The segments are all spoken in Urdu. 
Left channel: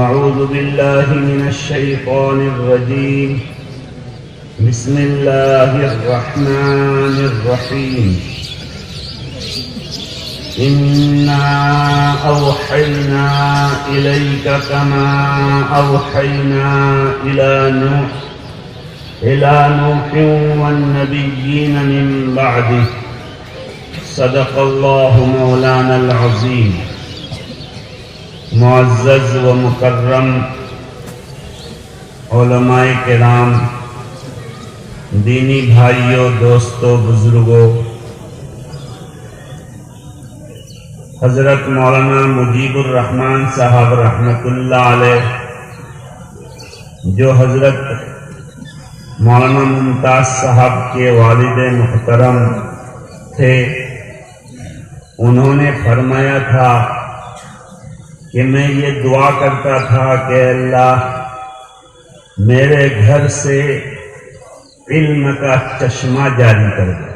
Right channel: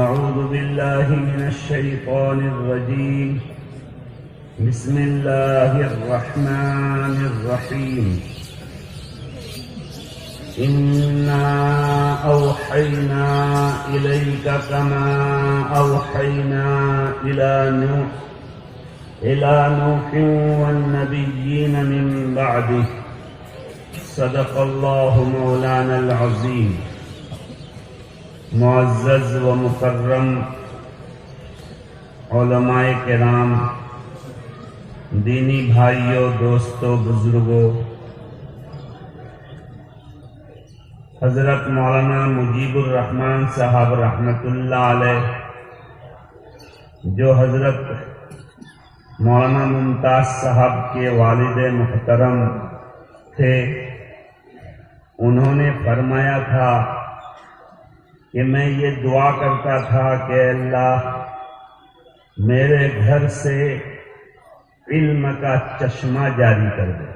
أعوذ بالله من الشيطان الرجيم. بسم الله الرحمن الرحيم. إنا أوحينا إليك كما أوحينا إلى نوح والنبيين من بعده. صدق الله مولانا العظيم. معزز و مکرم علماء کرام، دینی بھائیوں، دوستوں، بزرگوں، حضرت مولانا مجیب الرحمن صاحب رحمۃ اللہ علیہ، جو حضرت مولانا ممتاز صاحب کے والد محترم تھے، انہوں نے فرمایا تھا کہ میں یہ دعا کرتا تھا کہ اللہ میرے گھر سے علم کا چشمہ جاری کر دے،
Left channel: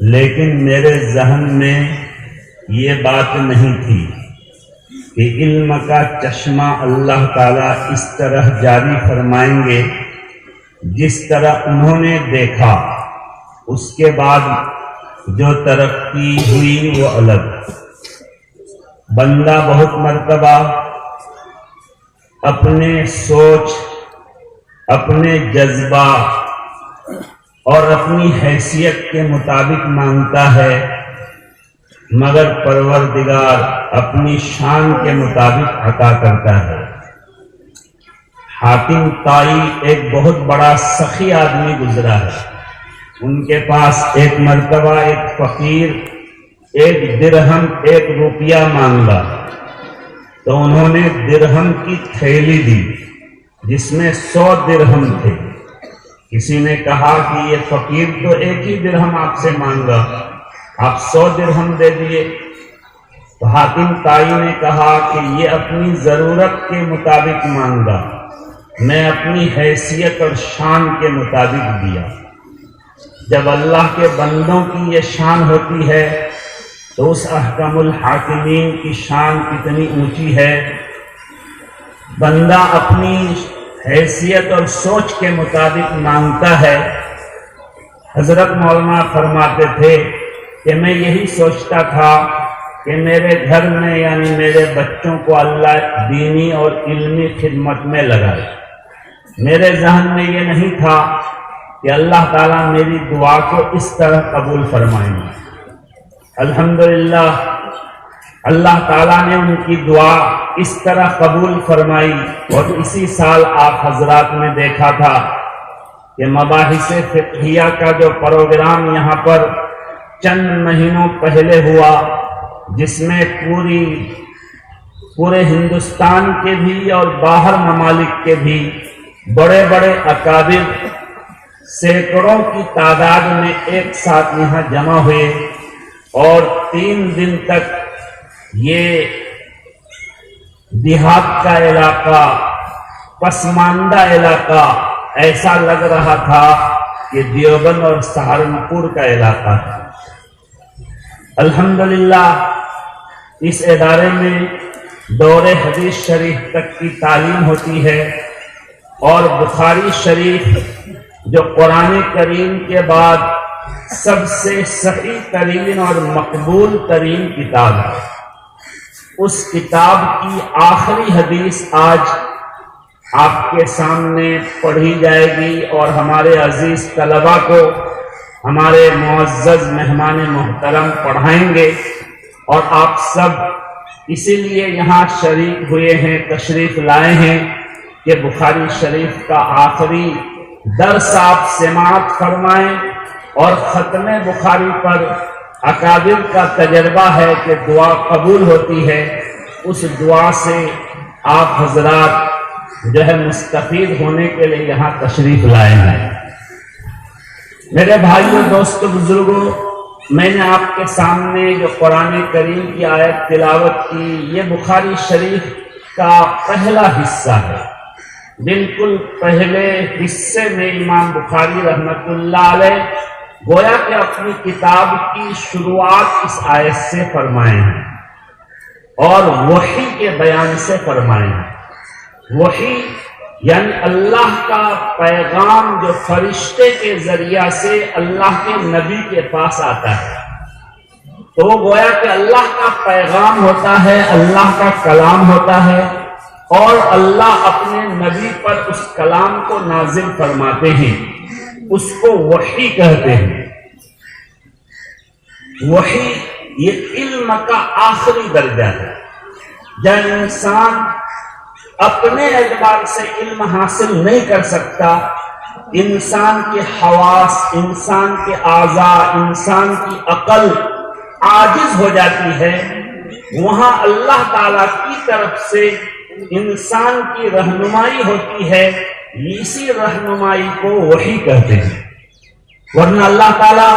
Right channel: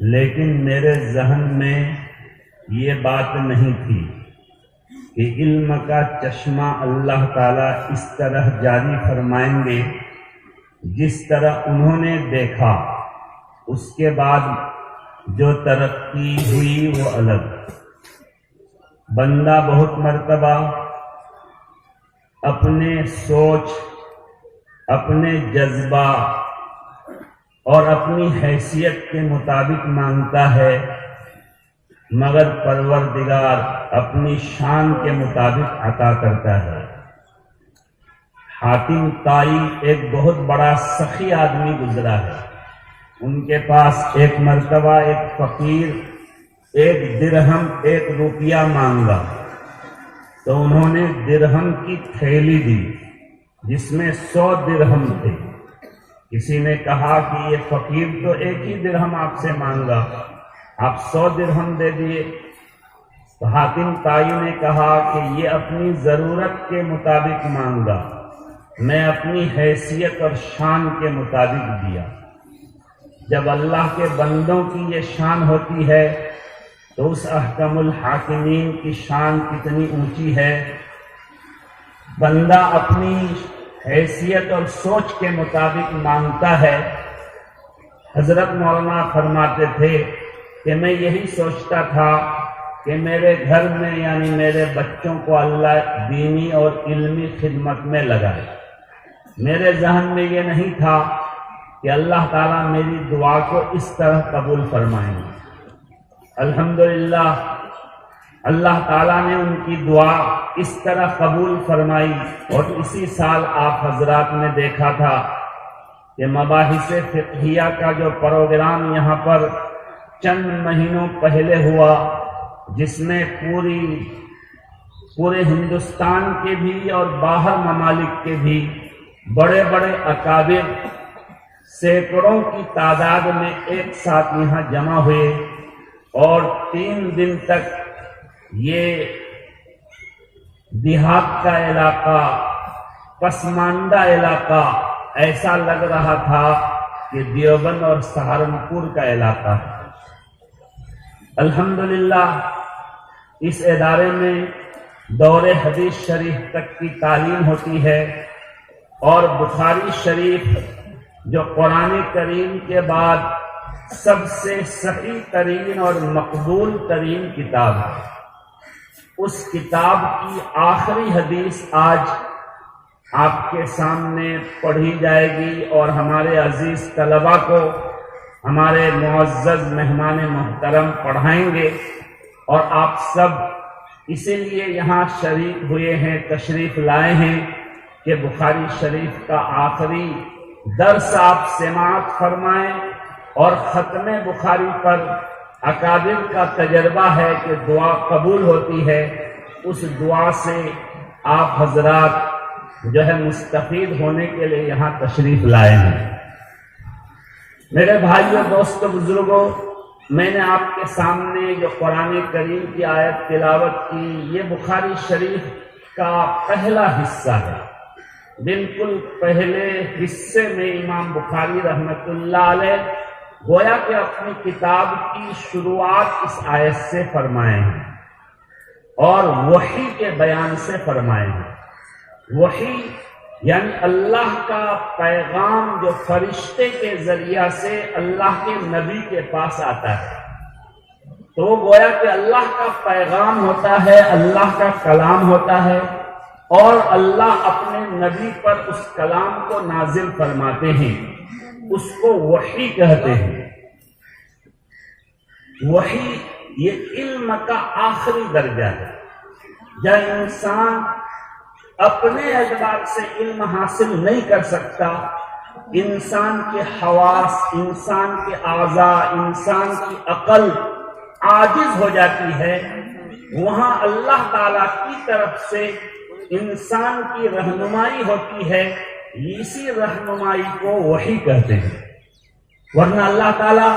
لیکن میرے ذہن میں یہ بات نہیں تھی کہ علم کا چشمہ اللہ تعالیٰ اس طرح جاری فرمائیں گے جس طرح انہوں نے دیکھا۔ اس کے بعد جو ترقی ہوئی وہ الگ۔ بندہ بہت مرتبہ اپنے سوچ، اپنے جذبہ اور اپنی حیثیت کے مطابق مانگتا ہے، مگر پروردگار اپنی شان کے مطابق عطا کرتا ہے۔ حاتم طائی ایک بہت بڑا سخی آدمی گزرا ہے۔ ان کے پاس ایک مرتبہ ایک فقیر 1 درہم 1 روپیہ مانگا، تو انہوں نے درہم کی تھیلی دی جس میں 100 درہم تھے۔ کسی نے کہا کہ یہ فقیر تو 1 ہی درہم آپ سے مانگا، آپ 100 درہم دے دیے۔ تو حاتم طائی نے کہا کہ یہ اپنی ضرورت کے مطابق مانگا، میں اپنی حیثیت اور شان کے مطابق دیا۔ جب اللہ کے بندوں کی یہ شان ہوتی ہے تو اس احکم الحاکمین کی شان کتنی اونچی ہے۔ بندہ اپنی حیثیت اور سوچ کے مطابق مانگتا ہے۔ حضرت مولانا فرماتے تھے کہ میں یہی سوچتا تھا کہ میرے گھر میں یعنی میرے بچوں کو اللہ دینی اور علمی خدمت میں لگائے۔ میرے ذہن میں یہ نہیں تھا کہ اللہ تعالیٰ میری دعا کو اس طرح قبول فرمائیں گے۔ الحمدللہ اللہ تعالیٰ نے ان کی دعا اس طرح قبول فرمائی، اور اسی سال آپ حضرات نے دیکھا تھا کہ مباحث فقہیہ کا جو پروگرام یہاں پر چند مہینوں پہلے ہوا، جس میں پورے ہندوستان کے بھی اور باہر ممالک کے بھی بڑے بڑے اکابر سینکڑوں کی تعداد میں ایک ساتھ یہاں جمع ہوئے، اور 3 دن تک یہ دیہات کا علاقہ، پسماندہ علاقہ ایسا لگ رہا تھا کہ دیوبند اور سہارنپور کا علاقہ ہے۔ الحمدللہ اس ادارے میں دور حدیث شریف تک کی تعلیم ہوتی ہے، اور بخاری شریف جو قرآن کریم کے بعد سب سے صحیح ترین اور مقبول ترین کتاب ہے، اس کتاب کی آخری حدیث آج آپ کے سامنے پڑھی جائے گی، اور ہمارے عزیز طلباء کو ہمارے معزز مہمان محترم پڑھائیں گے، اور آپ سب اسی لیے یہاں شریک ہوئے ہیں، تشریف لائے ہیں کہ بخاری شریف کا آخری درس آپ سماعت فرمائیں، اور ختم بخاری پر اکابر کا تجربہ ہے کہ دعا قبول ہوتی ہے۔ اس دعا سے آپ حضرات جو ہے مستفید ہونے کے لیے یہاں تشریف لائے ہیں۔ میرے بھائیوں، دوستوں، بزرگوں، میں نے آپ کے سامنے جو قرآن کریم کی آیت تلاوت کی، یہ بخاری شریف کا پہلا حصہ ہے۔ بالکل پہلے حصے میں امام بخاری رحمۃ اللہ علیہ گویا کہ اپنی کتاب کی شروعات اس آیت سے فرمائے ہیں، اور وحی کے بیان سے فرمائیں۔ وحی یعنی اللہ کا پیغام جو فرشتے کے ذریعہ سے اللہ کے نبی کے پاس آتا ہے، تو وہ گویا کہ اللہ کا پیغام ہوتا ہے، اللہ کا کلام ہوتا ہے، اور اللہ اپنے نبی پر اس کلام کو نازل فرماتے ہیں، اس کو وحی کہتے ہیں۔ وحی یہ علم کا آخری درجہ ہے، جب انسان اپنے اعتبار سے علم حاصل نہیں کر سکتا، انسان کے حواس، انسان کے اعضاء، انسان کی عقل عاجز ہو جاتی ہے، وہاں اللہ تعالیٰ کی طرف سے انسان کی رہنمائی ہوتی ہے، اسی رہنمائی کو وحی کہتے ہیں۔ ورنہ اللہ تعالیٰ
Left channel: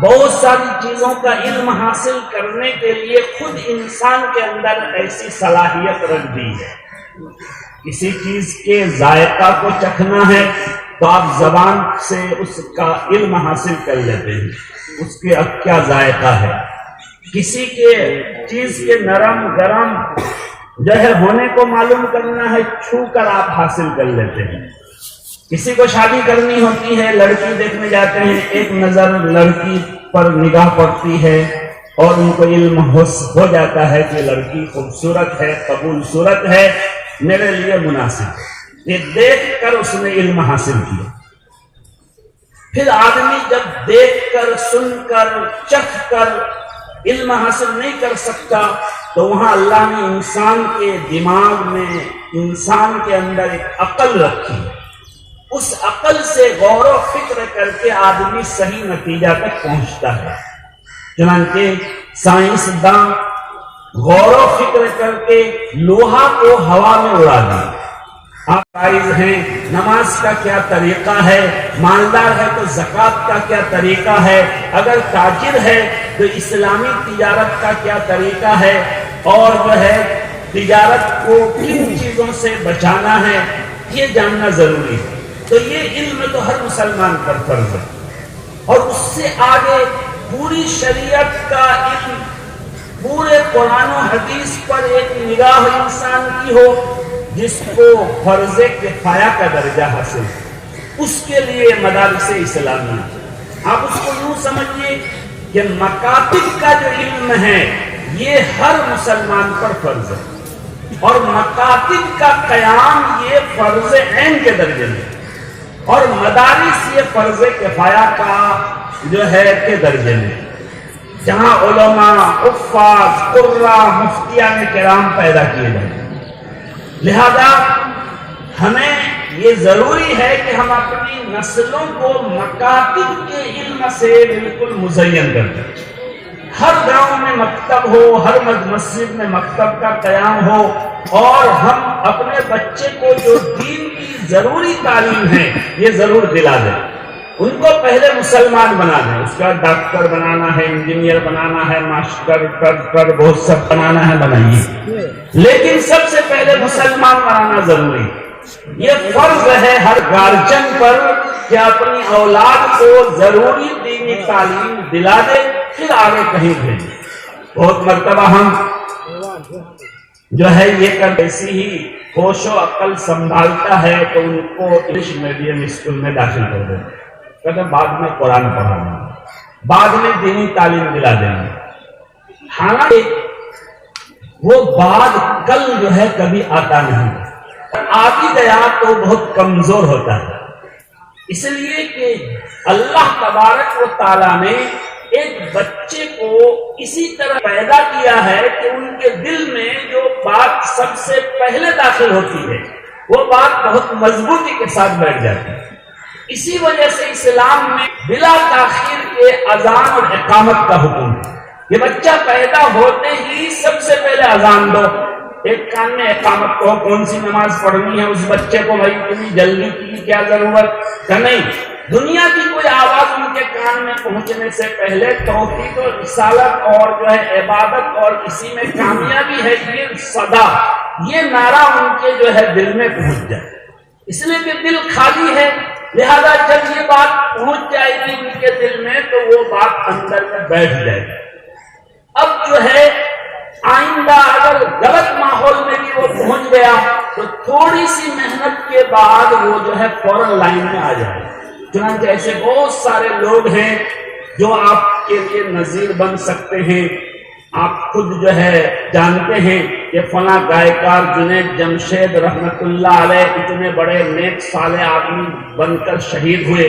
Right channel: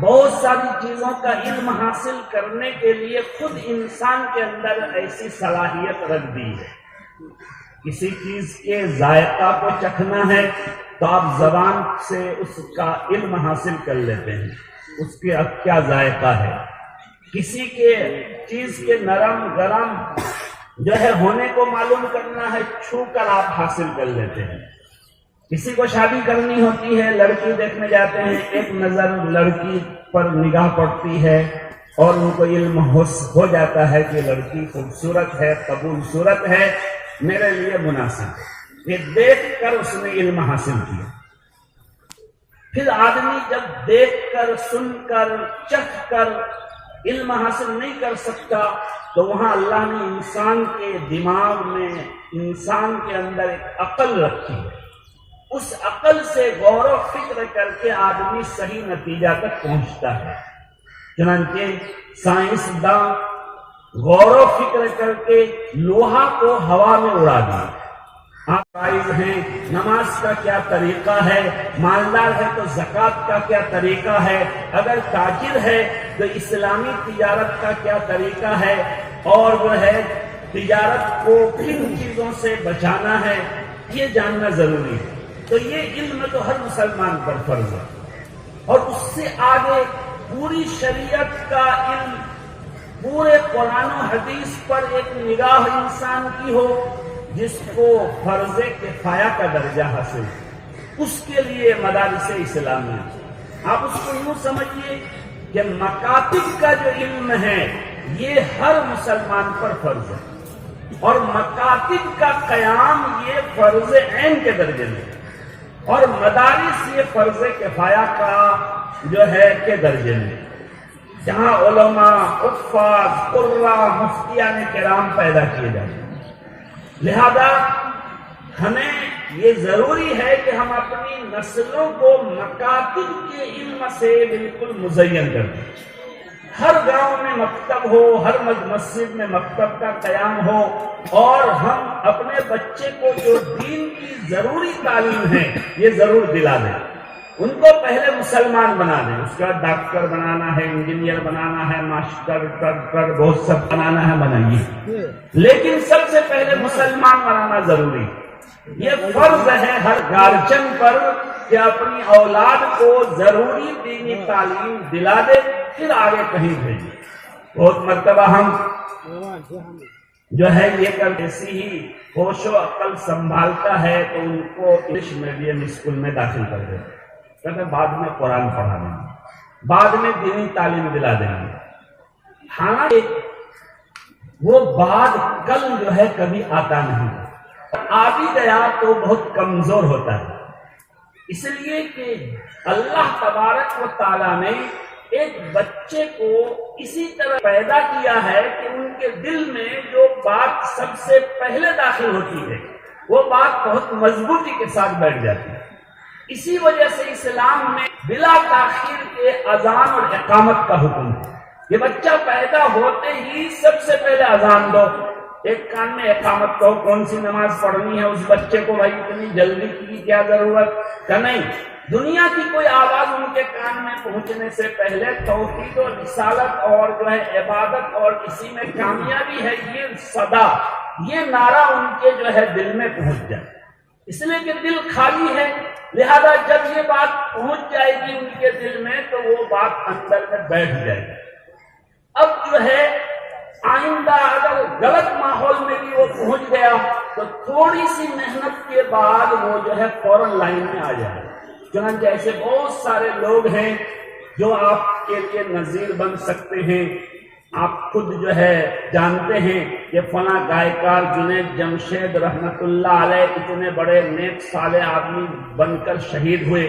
بہت ساری چیزوں کا علم حاصل کرنے کے لیے خود انسان کے اندر ایسی صلاحیت رکھ دی ہے۔ کسی چیز کے ذائقہ کو چکھنا ہے تو آپ زبان سے اس کا علم حاصل کر لیتے ہیں، اس کے اب کیا ذائقہ ہے۔ کسی کے چیز کے نرم گرم جو ہے ہونے کو معلوم کرنا ہے، چھو کر آپ حاصل کر لیتے ہیں۔ کسی کو شادی کرنی ہوتی ہے، لڑکی دیکھنے جاتے ہیں، ایک نظر لڑکی پر نگاہ پڑتی ہے اور ان کو علم ہو جاتا ہے کہ لڑکی خوبصورت ہے، قبول صورت ہے، میرے لیے مناسب، یہ دیکھ کر اس نے علم حاصل کیا۔ پھر آدمی جب دیکھ کر، سن کر، چکھ کر علم حاصل نہیں کر سکتا، تو وہاں اللہ نے انسان کے دماغ میں، انسان کے اندر ایک عقل رکھی ہے، اس عقل سے غور و فکر کر کے آدمی صحیح نتیجہ تک پہنچتا ہے۔ چنانچہ سائنسداں غور و فکر کر کے لوہا کو ہوا میں اڑا دیا۔ آپ قائز ہیں، نماز کا کیا طریقہ ہے، مالدار ہے تو زکوٰۃ کا کیا طریقہ ہے، اگر تاجر ہے تو اسلامی تجارت کا کیا طریقہ ہے، اور جو ہے تجارت کو کن چیزوں سے بچانا ہے، یہ جاننا ضروری ہے۔ تو یہ علم تو ہر مسلمان پر فرض ہے، اور اس سے آگے پوری شریعت کا علم، پورے قرآن و حدیث پر ایک نگاہ انسان کی ہو، جس کو فرض کفایہ کا درجہ حاصل ہے، اس کے لیے مدارس اسلامی۔ آپ اس کو یوں سمجھیے کہ مکاتب کا جو علم ہے یہ ہر مسلمان پر فرض ہے، اور مکاتب کا قیام یہ فرض عین کے درجے میں، اور مدارس یہ فرض کفایہ کا جو ہے کے درجے میں، جہاں علماء، حفاظ، قراء، مفتیان کرام پیدا کیے جائیں۔ لہذا ہمیں یہ ضروری ہے کہ ہم اپنی نسلوں کو مکاتب کے علم سے بالکل مزین کر دیں۔ ہر گاؤں میں مکتب ہو، ہر مسجد میں مکتب کا قیام ہو، اور ہم اپنے بچے کو جو دین کی ضروری تعلیم ہے یہ ضرور دلا دیں۔ ان کو پہلے مسلمان بنا دیں، اس کا ڈاکٹر بنانا ہے، انجینئر بنانا ہے، ماسٹر کر بہت سب بنانا ہے، بنائیے، لیکن سب سے پہلے مسلمان بنانا ضروری ہے۔ یہ فرض ہے ہر گارجن پر کہ اپنی اولاد کو ضروری دینی تعلیم دلا دے، پھر آگے کہیں بھیجے۔ بہت مرتبہ ہم جو ہے یہ کر ایسی ہی ہوش و عقل سنبھالتا ہے تو ان کو انگلش میڈیم اسکول میں داخل کر دیتے، کہتے بعد میں قرآن پڑھانا، بعد میں دینی تعلیم دلا دینا۔ حالانکہ وہ بعد کل جو ہے کبھی آتا نہیں، آ بھی گیا تو بہت کمزور ہوتا ہے، اس لیے کہ اللہ تبارک و تعالیٰ نے ایک بچے کو اسی طرح پیدا کیا ہے کہ ان کے دل میں جو بات سب سے پہلے داخل ہوتی ہے وہ بات بہت مضبوطی کے ساتھ بیٹھ جاتی ہے۔ اسی وجہ سے اسلام میں بلا تاخیر کے اذان اور اقامت کا حکم ہے۔ یہ بچہ پیدا ہوتے ہی سب سے پہلے اذان دو، ایک کان میں اقامت کو، کون سی نماز پڑھنی ہے اس بچے کو، بھائی اتنی جلدی کی کیا ضرورت کا نہیں، دنیا کی کوئی آواز ان کے کان میں پہنچنے سے پہلے توحید و رسالت اور جو ہے عبادت اور اسی میں کامیابی ہے یہ صدا، یہ نعرہ ان کے جو ہے دل میں پہنچ جائے، اس لیے کہ دل خالی ہے، لہذا جب یہ بات پہنچ جائے گی ان کے دل میں تو وہ بات اندر میں بیٹھ جائے گی۔ اب جو ہے آئندہ اگر غلط ماحول میں بھی وہ پہنچ گیا تو تھوڑی سی محنت کے بعد وہ جو ہے فوراً لائن میں آ جائے. چنانچہ ایسے بہت سارے لوگ ہیں جو آپ کے لیے نظیر بن سکتے ہیں. آپ خود جو ہے جانتے ہیں کہ فلاں گائیکار جنید جمشید رحمت اللہ علیہ اتنے بڑے نیک صالح آدمی بن کر شہید ہوئے،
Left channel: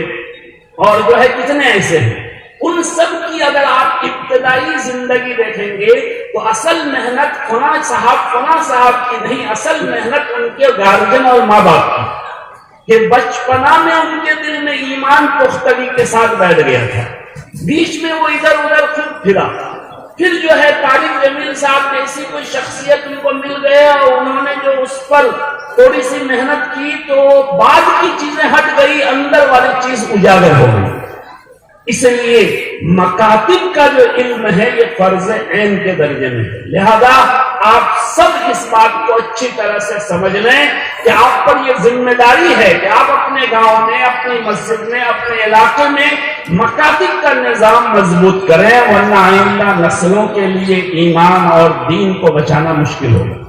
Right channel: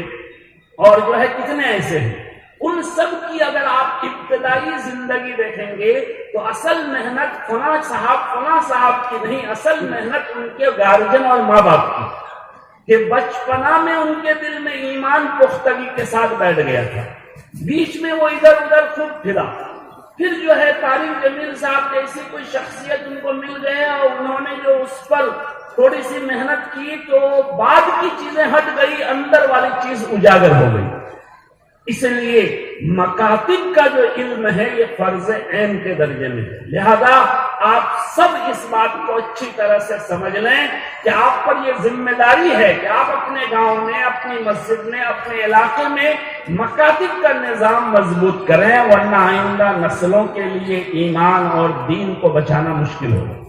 اور جو ہے کتنے ایسے ہیں. ان سب کی اگر آپ ابتدائی زندگی دیکھیں گے تو اصل محنت فلاں صاحب کی نہیں، اصل محنت ان کے گارجن اور ماں باپ کی، کہ بچپنا میں ان کے دل میں ایمان پختگی کے ساتھ بیٹھ گیا تھا. بیچ میں وہ ادھر ادھر پھرا، پھر جو ہے طارق جمیل صاحب جیسی کوئی شخصیت ان کو مل گیا اور انہوں نے جو اس پر تھوڑی سی محنت کی تو بعد کی چیزیں ہٹ گئی، اندر والی چیز اجاگر ہو گئی. اس لیے مکاتب کا جو علم ہے یہ فرض عین کے درجے میں ہے. لہذا آپ سب اس بات کو اچھی طرح سے سمجھ لیں کہ آپ پر یہ ذمہ داری ہے کہ آپ اپنے گاؤں میں، اپنی مسجد میں، اپنے علاقے میں مکاتب کا نظام مضبوط کریں، ورنہ آئندہ نسلوں کے لیے ایمان اور دین کو بچانا مشکل ہوگا.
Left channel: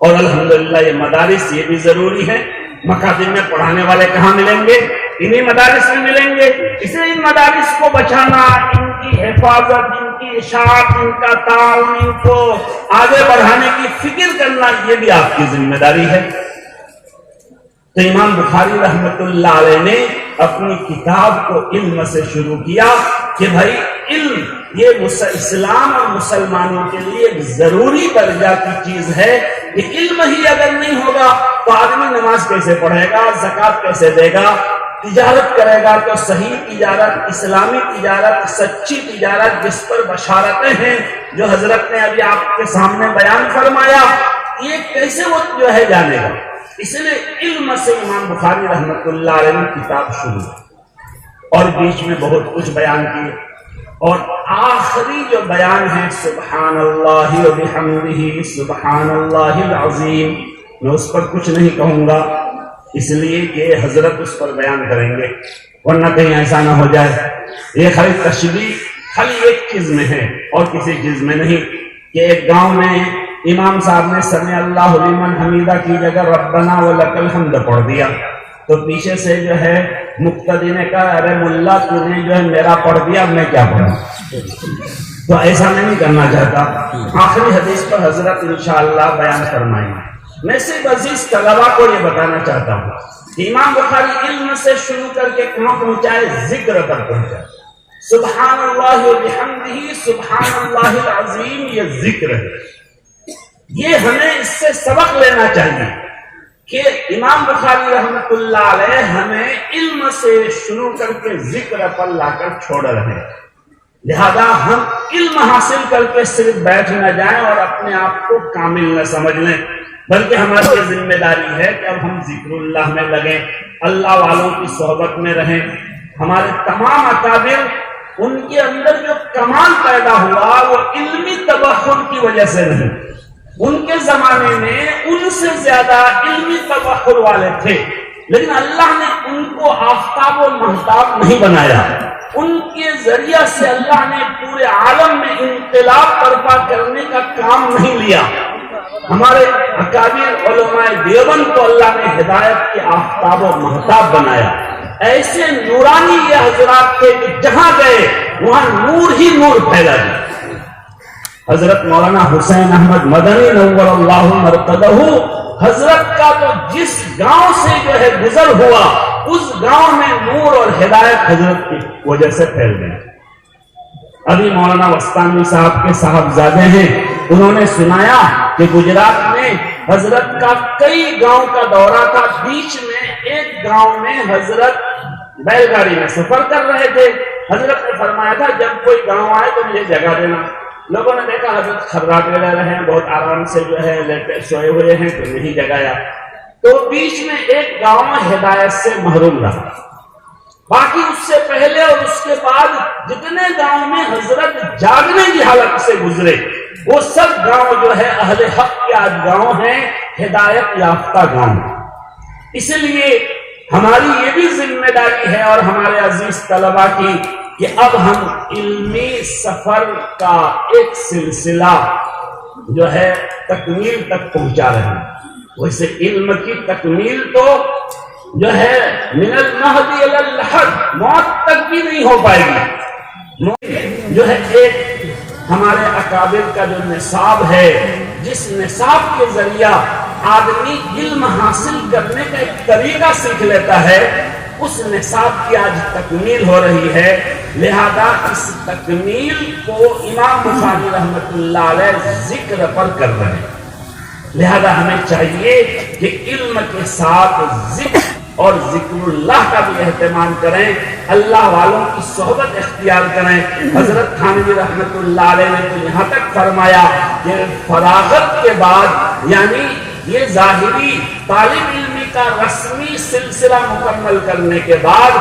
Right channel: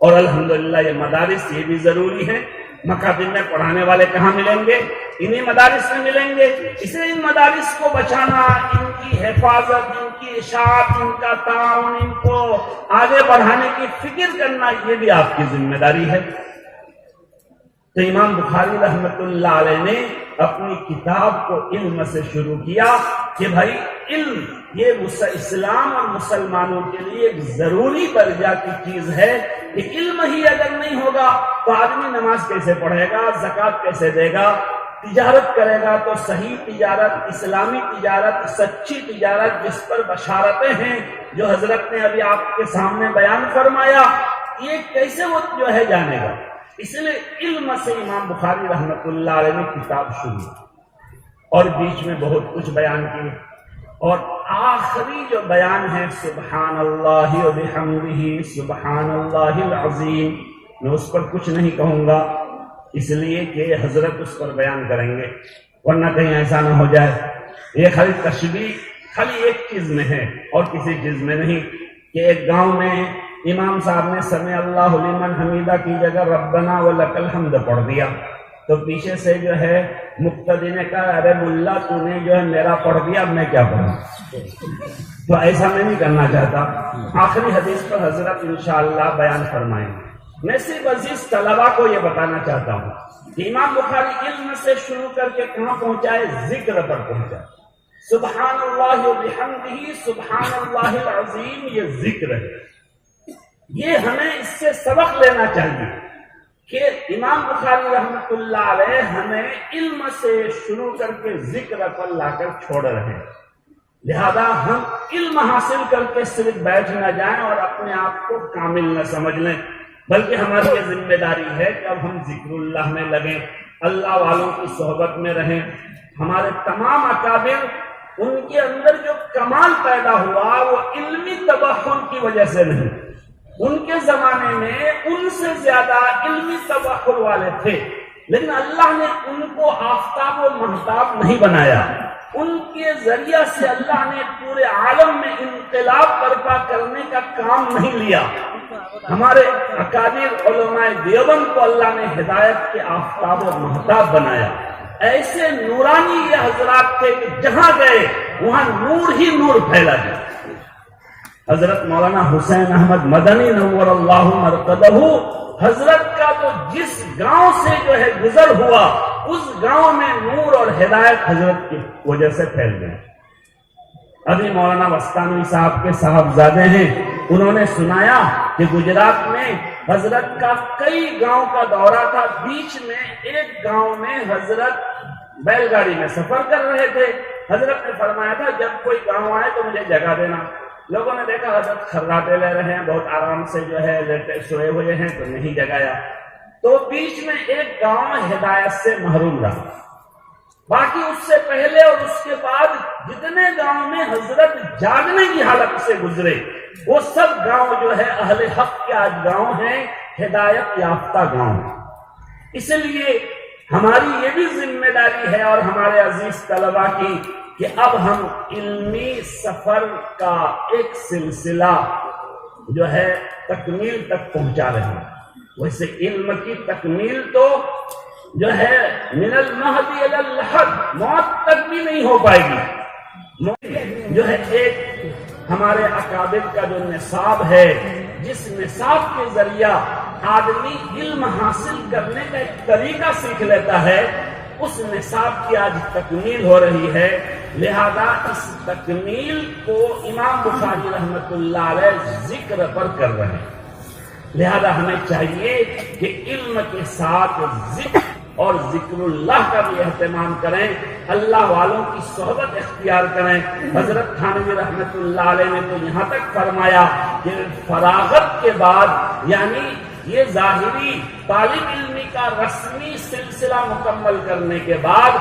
اور الحمدللہ یہ مدارس یہ بھی ضروری ہے. مکاتب میں پڑھانے والے کہاں ملیں گے؟ انہی مدارس میں ملیں گے. اس لیے ان مدارس کو بچانا، ان کی حفاظت، ان کی اشاعت، ان کا تعاون، ان کو آگے بڑھانے کی فکر کرنا یہ بھی آپ کی ذمہ داری ہے. تو امام بخاری رحمت اللہ علیہ نے اپنی کتاب کو علم سے شروع کیا کہ بھائی علم یہ اسلام اور مسلمانوں کے لیے ایک ضروری درجہ کی چیز ہے. کہ علم ہی اگر نہیں ہوگا تو آدمی نماز کیسے پڑھے گا، زکوٰۃ کیسے دے گا، تجارت کرے گا تو صحیح تجارت، اسلامی تجارت، سچی تجارت جس پر بشارتیں ہیں جو حضرت نے ابھی آپ کے سامنے بیان فرمایا، یہ کیسے وہ جو ہے جانے گا. اس لیے علم سے امام بخاری رحمت اللہ علیہ نے کتاب شروع اور بیچ میں بہت کچھ بیان کیے، اور آخری جو بیان ہے سبحان اللہ و بحمدہ سبحان اللہ العظیم، میں اس پر کچھ نہیں کہوں گا اس لیے کہ حضرت اس پر بیان کریں گے، ورنہ کہیں ایسا نہ ہو جائے یہ خالی تشبیہ خالی ایک چیز میں ہے اور کسی چیز میں نہیں. کہ ایک گاؤں میں امام صاحب نے سمع اللہ لمن حمیدہ کی جگہ ربنا ولک الحمد پڑھ دیا، تو پیچھے سے جو ہے مقتدی نے کہا ارے ملا تو نے جو ہے میرا پڑھ دیا، میں کیا پڑھوں. تو ایسا میں نہیں کرنا چاہتا. آخری حدیث پر حضرت انشاءاللہ بیان فرمائیں گے. میں صرف عزیز طلبہ کو یہ بتانا چاہتا ہوں کہ امام بخاری علم سے شروع کر کے کہاں پہنچائے؟ ذکر پر پہنچا. سبحان اللہ و بحمدہ سبحان اللہ العظیم یہ ذکر ہے. یہ ہمیں اس سے سبق لینا چاہیے کہ امام بخاری رحمت اللہ علیہ ہمیں علم سے شروع کر کے ذکر پر لا کر چھوڑ رہے ہیں. لہذا ہم علم حاصل کر کے صرف بیٹھ نہ جائیں اور اپنے آپ کو کامل نہ سمجھ لیں، بلکہ ہماری یہ ذمہ داری ہے کہ اب ہم ذکر اللہ میں لگیں، اللہ والوں کی صحبت میں رہیں. ہمارے تمام اکابر ان کے اندر جو کمال پیدا ہوا وہ علمی تبحر کی وجہ سے نہیں. ان کے زمانے میں ان سے زیادہ علمی تبحر والے تھے، لیکن اللہ نے ان کو آفتاب و مہتاب نہیں بنایا. ان کے ذریعہ سے اللہ نے پورے عالم میں انقلاب برپا کرنے کا کام نہیں لیا. ہمارے اکابر علماء دیوبند کو اللہ نے ہدایت کے آفتاب و مہتاب بنایا. ایسے نورانی یہ حضرات تھے کہ جہاں گئے وہاں نور ہی نور پھیلا دیا. حضرت مولانا حسین احمد مدنی نور اللہ مرقدہ، حضرت کا تو جس گاؤں سے جو ہے گزر ہوا اس گاؤں میں نور اور ہدایت حضرت کی وجہ سے پھیل گئے. ابھی مولانا وستانی صاحب کے صاحبزادے ہیں، انہوں نے سنایا کہ گجرات میں حضرت کا کئی گاؤں کا دورہ تھا. بیچ میں ایک گاؤں میں حضرت بیل گاڑی میں سفر کر رہے تھے. حضرت نے فرمایا تھا جب کوئی گاؤں آئے تو مجھے جگہ دینا. لوگوں نے دیکھا حضرت خراٹے رہ رہے ہیں، بہت آرام سے جو ہے لیٹے سوئے ہوئے ہیں تو نہیں جگایا. تو بیچ میں ایک گاؤں ہدایت سے محروم رہا. باقی اس سے پہلے اور اس کے بعد جتنے گاؤں میں حضرت جاگنے کی حالت سے گزرے وہ سب گاؤں جو ہے اہل حق کے آج گاؤں ہیں، ہدایت یافتہ گاؤں. اس لیے ہماری یہ بھی ذمہ داری ہے اور ہمارے عزیز طلبہ کی کہ اب ہم علمی سفر کا ایک سلسلہ جو ہے تکمیل تک پہنچا رہے ہیں۔ ویسے علم کی تکمیل تو جو ہے من المہدی الی اللحد، موت تک بھی نہیں ہو پائے گی۔ جو ہے ایک ہمارے اکابر کا جو نصاب ہے، جس نصاب کے ذریعہ آدمی علم حاصل کرنے کا ایک طریقہ سیکھ لیتا ہے، اس نصاب کی آج تکمیل ہو رہی ہے۔ لہذا اس تکمیل کو امام بخاری رحمۃ اللہ علیہ ذکر پر کر رہے ہیں۔ لہذا ہمیں چاہیے کہ علم کے ساتھ ذکر اور ذکر اللہ کا بھی اہتمام کریں، اللہ والوں کی صحبت اختیار کریں۔ حضرت تھانوی رحمۃ اللہ علیہ نے تو یہاں تک فرمایا کہ فراغت کے بعد، یعنی یہ ظاہری طالب علمی کا رسمی سلسلہ مکمل کرنے کے بعد،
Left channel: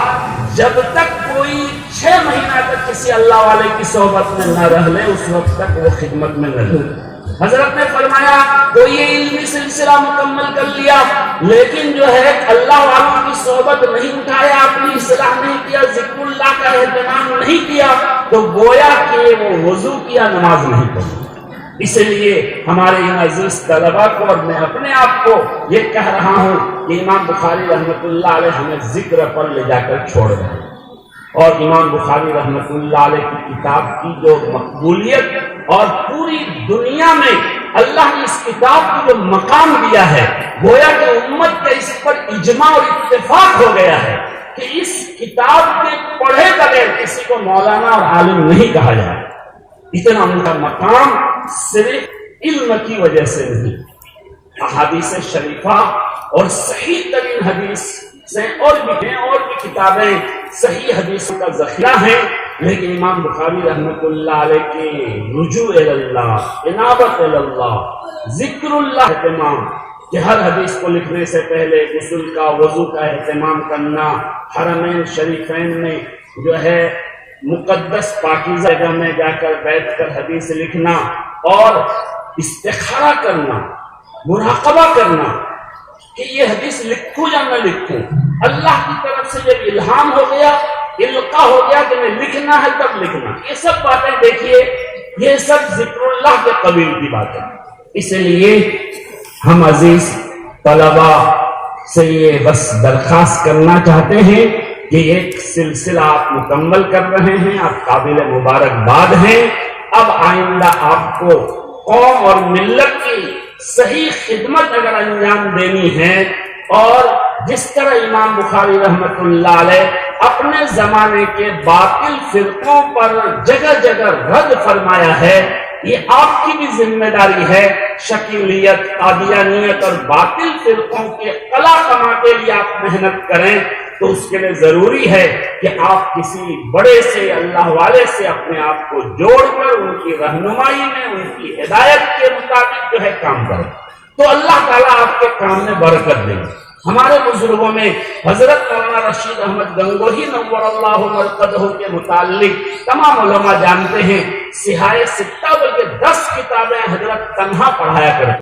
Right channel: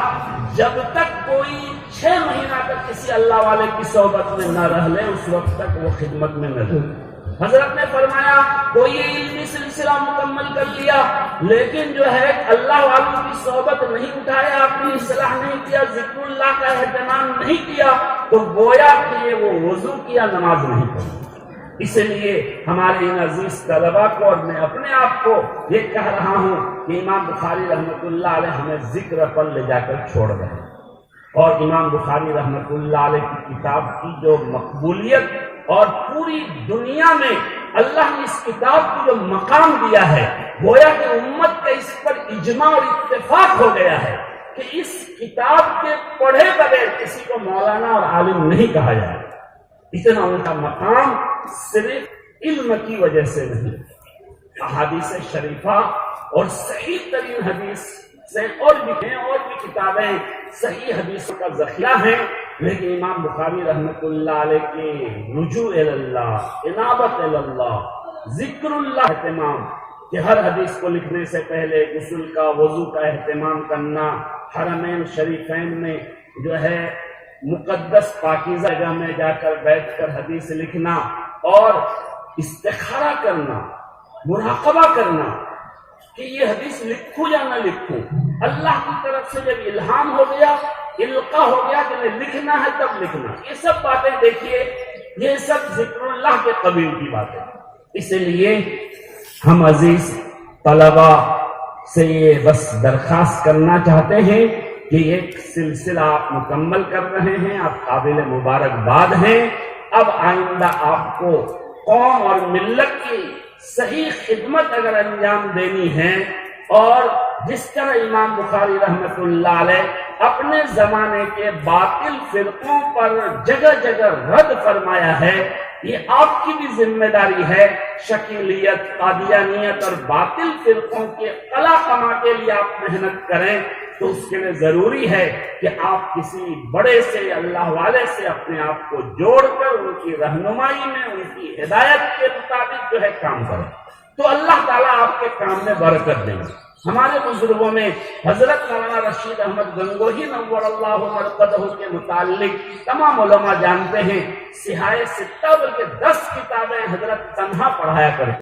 جب تک کوئی 6 مہینہ تک کسی اللہ والے کی صحبت میں نہ رہ لے، اس وقت تک وہ خدمت میں نہ رہے۔ حضرت نے فرمایا تو یہ علمی سلسلہ مکمل کر لیا، لیکن جو ہے اللہ والوں کی صحبت نہیں اٹھایا، اپنی اصلاح نہیں کیا، ذکر اللہ کا اہتمام نہیں کیا، تو گویا کہ وہ وضو کیا، نماز نہیں پڑھی۔ اس لیے ہمارے ان عزیز طلبہ کو اور میں اپنے آپ کو یہ کہہ رہا ہوں کہ امام بخاری رحمۃ اللہ علیہ ہمیں ذکر پر لے جا کر چھوڑ رہے ہیں، اور امام بخاری رحمۃ اللہ علیہ کی کتاب کی جو مقبولیت اور پوری دنیا میں اللہ نے اس کتاب کو جو مقام دیا ہے، گویا کہ امت کا اس پر اجماع اور اتفاق ہو گیا ہے کہ اس کتاب کے پڑھے بغیر کسی کو مولانا اور عالم نہیں کہا جائے۔ اتنا ان کا مقام صرف علم کی وجہ سے نہیں، احادیث شریفہ اور صحیح ترین حدیث سے اور بھی کتابیں صحیح حدیثوں کا ذخیرہ ہیں، لیکن امام بخاری رحمۃ اللہ علیہ کے رجوع اللہ، انابت اللہ، ذکر اللہ اہتمام، کہ ہر حدیث کو لکھنے سے پہلے غسل کا، وضو کا اہتمام کرنا، حرمین شریفین میں جو ہے مقدس پاکیزہ جگہ میں جا کر بیٹھ کر حدیث لکھنا، اور استخارہ کرنا، مراقبہ کرنا کہ یہ حدیث لکھوں یا نہ لکھوں۔ اللہ کی طرف سے جب الہام ہو گیا، القا ہو گیا کہ میں لکھنا ہے تب لکھنا، یہ سب باتیں دیکھیے، یہ سب ذکر اللہ کے قبیل کی باتیں۔ اس لیے ہم عزیز طلبہ سے یہ بس درخواست کرنا چاہتے ہیں کہ ایک سلسلہ آپ مکمل کر رہے ہیں، آپ قابل مبارکباد ہیں۔ اب آئندہ آپ کو قوم اور ملت کی صحیح خدمت اگر انجام دینی ہے، اور جس طرح امام بخاری رحمۃ اللہ علیہ اپنے زمانے کے باطل فرقوں پر جگہ جگہ رد فرمایا ہے، یہ آپ کی بھی ذمہ داری ہے۔ شکیلیت، قادیانیت اور باطل فرقوں کے قلع کما کے لیے آپ محنت کریں، تو اس کے لیے ضروری ہے کہ آپ کسی بڑے سے، اللہ والے سے اپنے آپ کو جوڑ کر ان کی رہنمائی میں، ان کی ہدایت کے مطابق جو ہے کام کریں، تو اللہ تعالیٰ آپ کے کام میں برکت دیں گے۔ ہمارے بزرگوں میں حضرت مولانا رشید احمد گنگوہی نور اللہ مرقدہ کے متعلق تمام علماء جانتے ہیں، سہائے ستہ بلکہ 10 کتابیں حضرت تنہا پڑھایا کرتے